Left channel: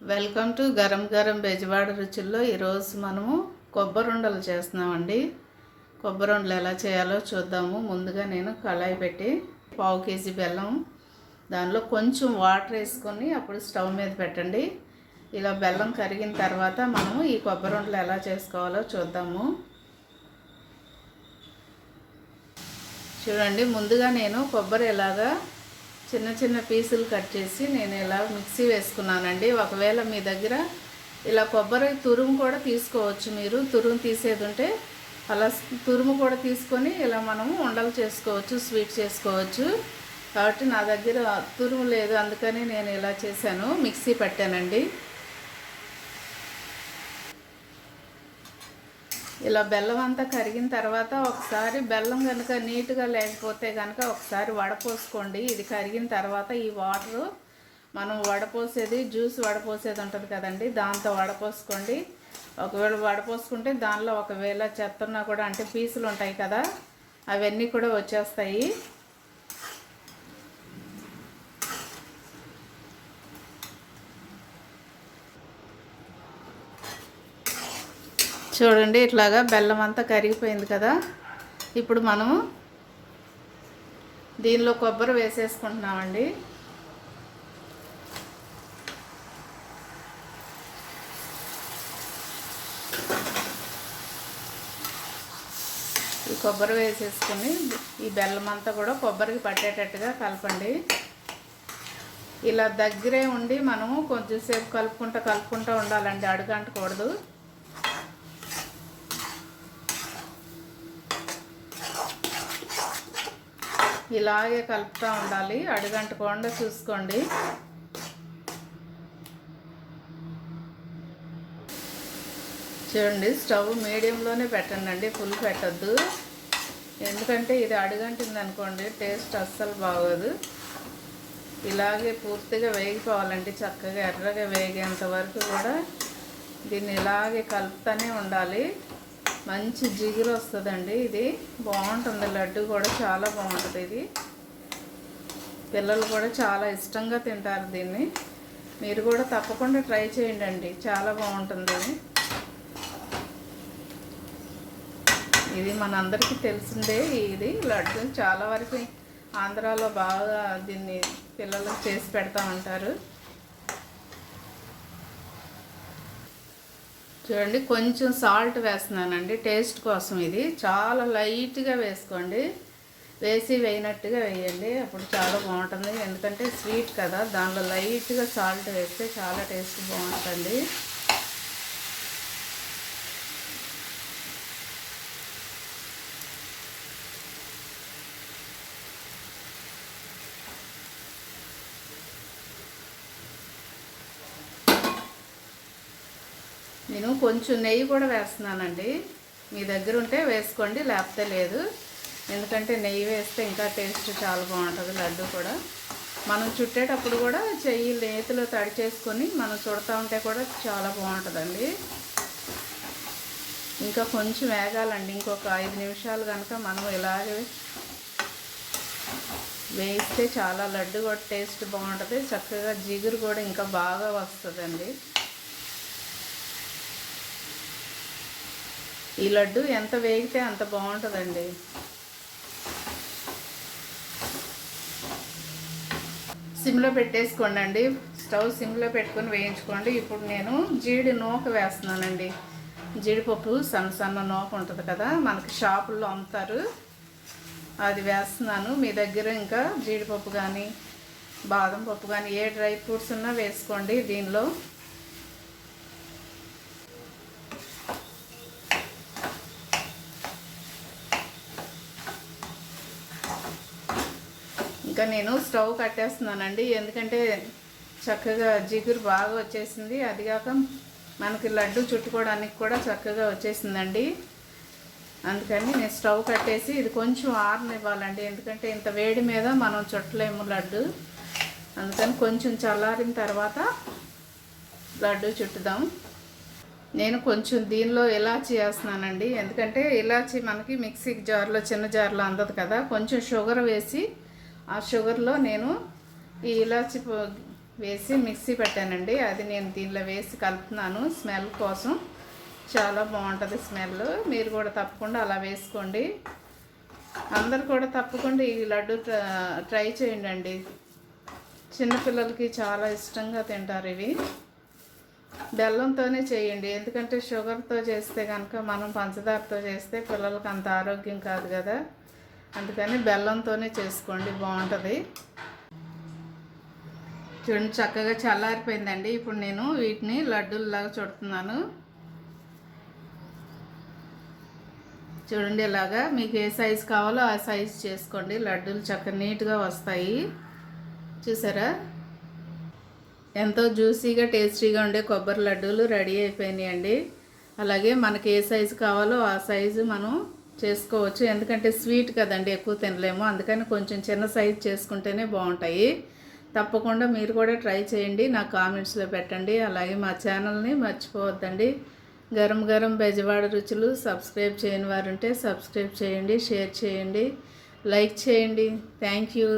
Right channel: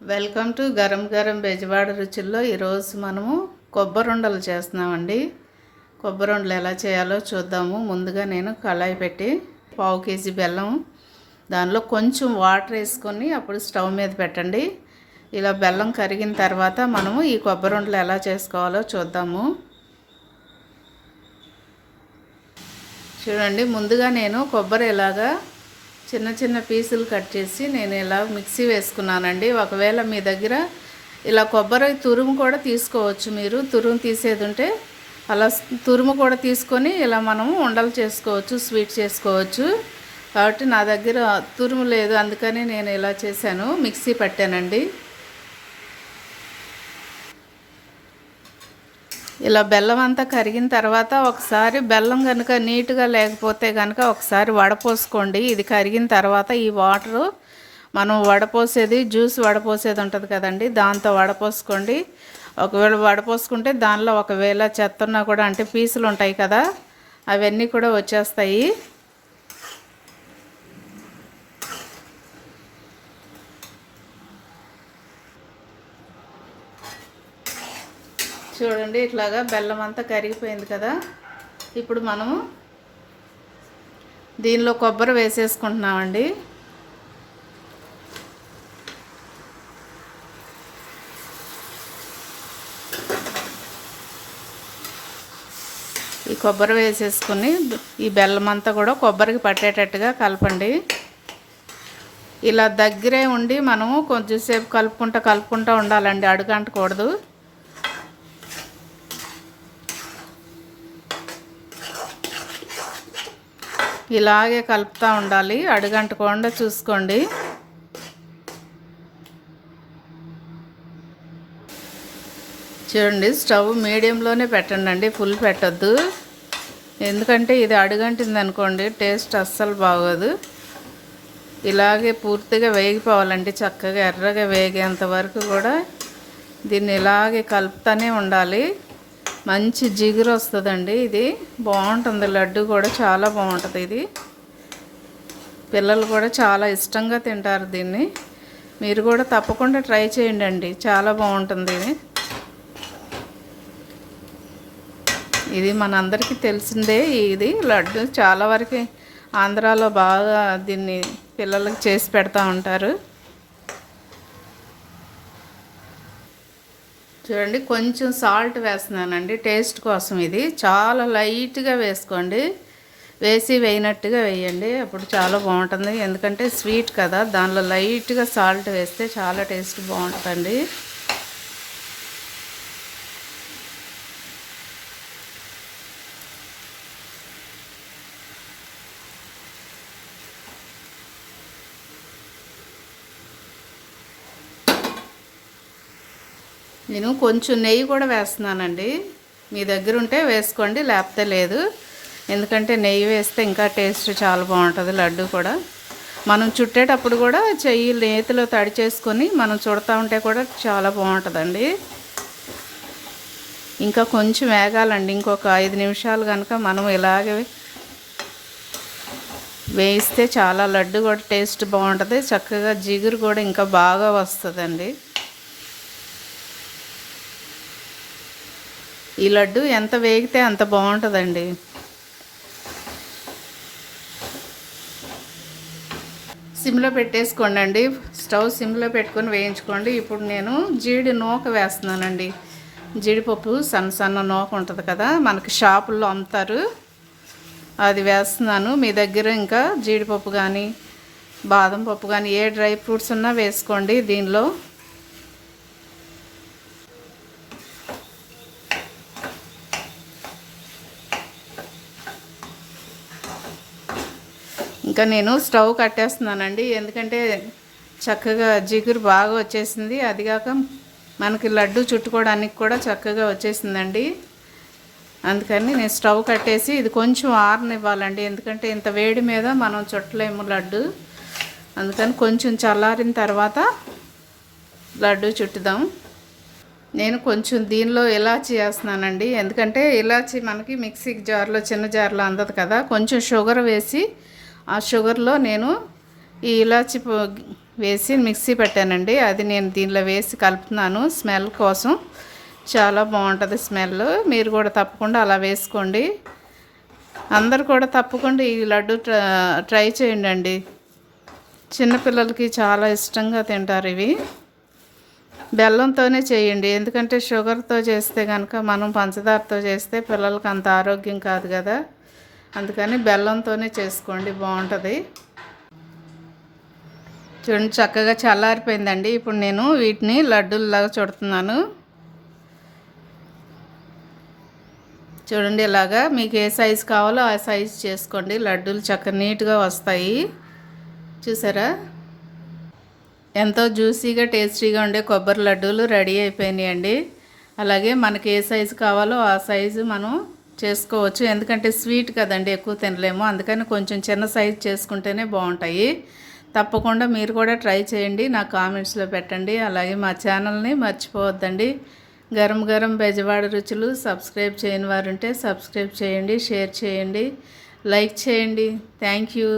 Welcome to గరం గరం బెజవాడ రుచుల్లో. ఈరోజు మనము కొబ్బరి ఉండలు చేస్తున్నామండి. కొబ్బరి ఉండలు ఎలా చేయాలో చూద్దాము. ముందుగా నేను కళాయి పెట్టి 1/2 కేజీ బెల్లం, దానిలో కొంచెం వాటర్ వేసుకొని అప్పుడు స్టవ్ మీద పెట్టండి. ఇలా బెల్లం కరిగిన తర్వాత మనము ఈ కొబ్బరి ఉండలు ఎలా చేసుకోవాలో చూద్దాము. చూడండి, ముందుగా నేను కొబ్బరి ఇలాగా చిన్న చిన్న పీసులు కట్ చేసి నేను ఇలా మిక్సీ వేసుకున్నానండి. ఒకవేళ మీ దగ్గర ఇలా కొబ్బరి తురుము కూడా తీసుకోవచ్చు. మీరు తురుము తీసేది ఉంటే అలా తురుము కూడా తీసుకొని ఇలా మనము ఉండలు చేసుకోవచ్చు, స్వీట్ చేసుకోవచ్చు. కాబట్టి నా దగ్గర తురుము లేదు, అందుకని నేను ఇలా చేశాను, మిక్సీ పట్టానండి. ఇలా బెల్లం అంతా కరిగిన తర్వాత ఒకసారి బెల్లం కనుక నీట్గా లేకపోతే కనుక ఒకసారి వడపోసుకోండి. ఇది కరిగిన తర్వాత ఈ వాటరు మనం వడపోసేది, జ్యూస్ వడపోసేది ఉంటుంది కదండి, దాంతో వడపోసుకోండి. ఒకవేళ వడపోసుకుంటే దానిలో ఒకవేళ చెత్త ఉన్నా కూడా, అంటే పీసులు ఉంటాయి కదా, అవన్నీ కూడా వచ్చేస్తాయి. చూడండి, ఇట్లాగా బెల్లం అంతా కరిగిపోయింది కదా. ఇప్పుడు మనము దీనిలో కొబ్బరి వేసేసుకుంటున్నామండి. ఈ కొబ్బరి వేసేసుకుని ఈ బెల్లం అంతా కూడా కొబ్బరికి పట్టేటట్టుగా కలపండి. ఇలా దగ్గరే ఉండి మనము కొంచెంసేపు కలుపుకుంటూ ఉండాలండి, అడుగంటకూడదు. ఇలాగే కలుపుతూ ఉండాలి, అడుగంటకుండా చూసుకోండి. చూడండి, స్టవ్ మీడియంలోనే పెట్టండి, ఫుల్ పెట్టద్దు. ఎందుకంటే ఇది అడుగంటింది అనుకోండి, టేస్ట్ అస్సలు బాగోదు. ఇలాగే పూర్తిగా వేగిపోవాలండి, చక్కగా ఎర్రగా వేగేంత వరకు కూడా దీన్ని ఇలాగే కలుపుతూనే ఉండాలి. మంచి జిగురు వస్తుందండి, ఇది బాగుంటుంది. లడ్డు కూడా చాలా బాగుంటుంది. ఇది పిల్లలు కూడా చాలా ఇష్టంగా తింటారు దీన్ని. మీరు కూడా తప్పకుండా ట్రై చేయండి, చాలా బాగుంటుంది. ఇది మనందరికీ తెలిసిందే. ఇది లడ్డు చాలా వరకు ఆంధ్రాలో బాగా దీన్ని పిల్లలకు చేసి పెడతా ఉంటారు. చూడండి, కొంచెం సాల్ట్ వేస్తున్నానండి టేస్ట్ కోసం. ఇది చాలా లైట్గా వేసుకోండి, వేయనట్టుగా వేయండి, అప్పుడు చాలా బాగుంటుంది. ఎందుకంటే స్వీట్ కదా, దానిలో లైట్గా సాల్ట్ వేస్తే చాలా టేస్ట్ బాగుంటుంది. నేను కొంచెం నెయ్యి కూడా వేస్తున్నానండి. మీ దగ్గర ఉంటే వేసుకోండి, లేకపోతే లేదు. ఎందుకంటే నెయ్యి వేస్తే ఇంకా టేస్ట్ చాలా బాగుంటుంది. లడ్డు కూడా మనం చుట్టేటప్పుడు కూడా చెయ్యి నేతిలో తడి చేసుకొని మనం చుడతా ఉంటే కూడా చాలా బాగుంటుందండి. ఇంకా కొంచెం వేగాలండి, ఇంకొక 5 నిమిషాలు కనుక మనం ఇలాగే వేయిస్తే చాలా లడ్డు కూడా టేస్ట్ బాగుంటుంది. చక్కగా జిగురు కూడా ఇంకా బాగా వస్తుందండి. ఈ లడ్డు ఎంత వేగితే అంత బాగుంటుందండి. సిమ్లో పెట్టేసుకోండి, స్టవ్ సిమ్లో పెట్టుకొని వేయించుకోండి. ఇప్పుడు నేను జీడి నూక వేస్తున్నానండి. జీడిపప్పు సన్న నూక ఉంటుంది కదా, మనకి షాపుల్లో అమ్ముతారు, అది వేస్తున్నాను. మీ దగ్గర ఇంకా జీడిపప్పు కానీ బాదం పప్పు కానీ ఏ డ్రై ఫ్రూట్స్ ఉన్నా వేసుకోండి దీనిలో. ఇంకా నేను స్టవ్ కట్టేస్తున్నానండి, ఎందుకంటే చక్కగా జిగురు బాగా వచ్చేసింది. అదిగాక మనకి లడ్డు చుట్టుకోవడానికి కూడా చక్కగా వచ్చేసిందండి. అందుకని నేను స్టవ్ కట్టేసి ఇది కొంచెం ఆరనివ్వాలండి, ఎందుకంటే ఇంత వేడి మీద మనం చుట్టలేము లడ్డు. అందుకని కొంచెం చల్లారిన తర్వాత లడ్డు చుట్టుదాం. నేను కొంచెం దీనిలో ఇలాచీ వేస్తున్నానండి, ఎందుకంటే ఇలాచీ మనకి మిక్సీ జార్లో చిన్న జార్లో అందదు కదా. కొంచెం షుగర్ వేసి ఆ షుగర్లో నేను ఈ ఇలాచి వేసి మిక్సీ పెట్టానండి. అది నేను దీనిలో వేసి కలుపుతున్నాను స్మెల్ కోసం. చాలా బాగుంటుంది స్మెల్. మీరు కూడా తప్పకుండా అలా వేసుకోండి. అందరు కూడా తప్పకుండా ఈ లడ్డు ట్రై చేయండి అండి. చిన్నపిల్లలకి చాలా ఇష్టంగా తింటారు ఇవి. బెల్లంతోనే చేయండి, ఎందుకంటే షుగర్తో చేస్తే కనుక మనం పంచదారతో చేస్తే పిల్లలకి అంత ఆరోగ్యం కాదు కదా. అందుకని బెల్లంతోనే చేసుకోండి, బాగుంటుంది. చూడండి చక్కగా చల్లారిపోయిందండి. ఇప్పుడు నేను వీటిని లడ్డూల్లాగా చుడుతున్నాను. చూడండి ఇలాగా మీకు ఏ సైజు కావాలో ఆ సైజు చేసుకోండి. లడ్డూలు చక్కగా నీట్గా వస్తాయి. చూసారా, ఎంతో జ్యూసీగా టేస్టీగా ఉండే కొబ్బరి లడ్డూలు రెడీ అయిపోయినాయండి. అలాగే మనకి ఏ సైజు కావాలో ఆ సైజు మనం చేసుకోవచ్చు. ఎందుకంటే స్వీట్ కదండి, ఎక్కువ తినలేము. అందుకని కొంచెం చిన్న సైజు చేసుకుంటేనే బాగుంటాయి. తప్పకుండా మీరు కూడా ట్రై చేయండి, నా కామెంట్స్లో పెట్టండి. అలాగే మా ఛానల్ని మర్చిపోవద్దండి. గరం గరం బెజవాడ రుచులు సబ్స్క్రైబ్ చేయని వారు ఉంటే సబ్స్క్రైబ్ చేయండి, షేర్ చేయండి, లైక్ చేయండి. Thank you.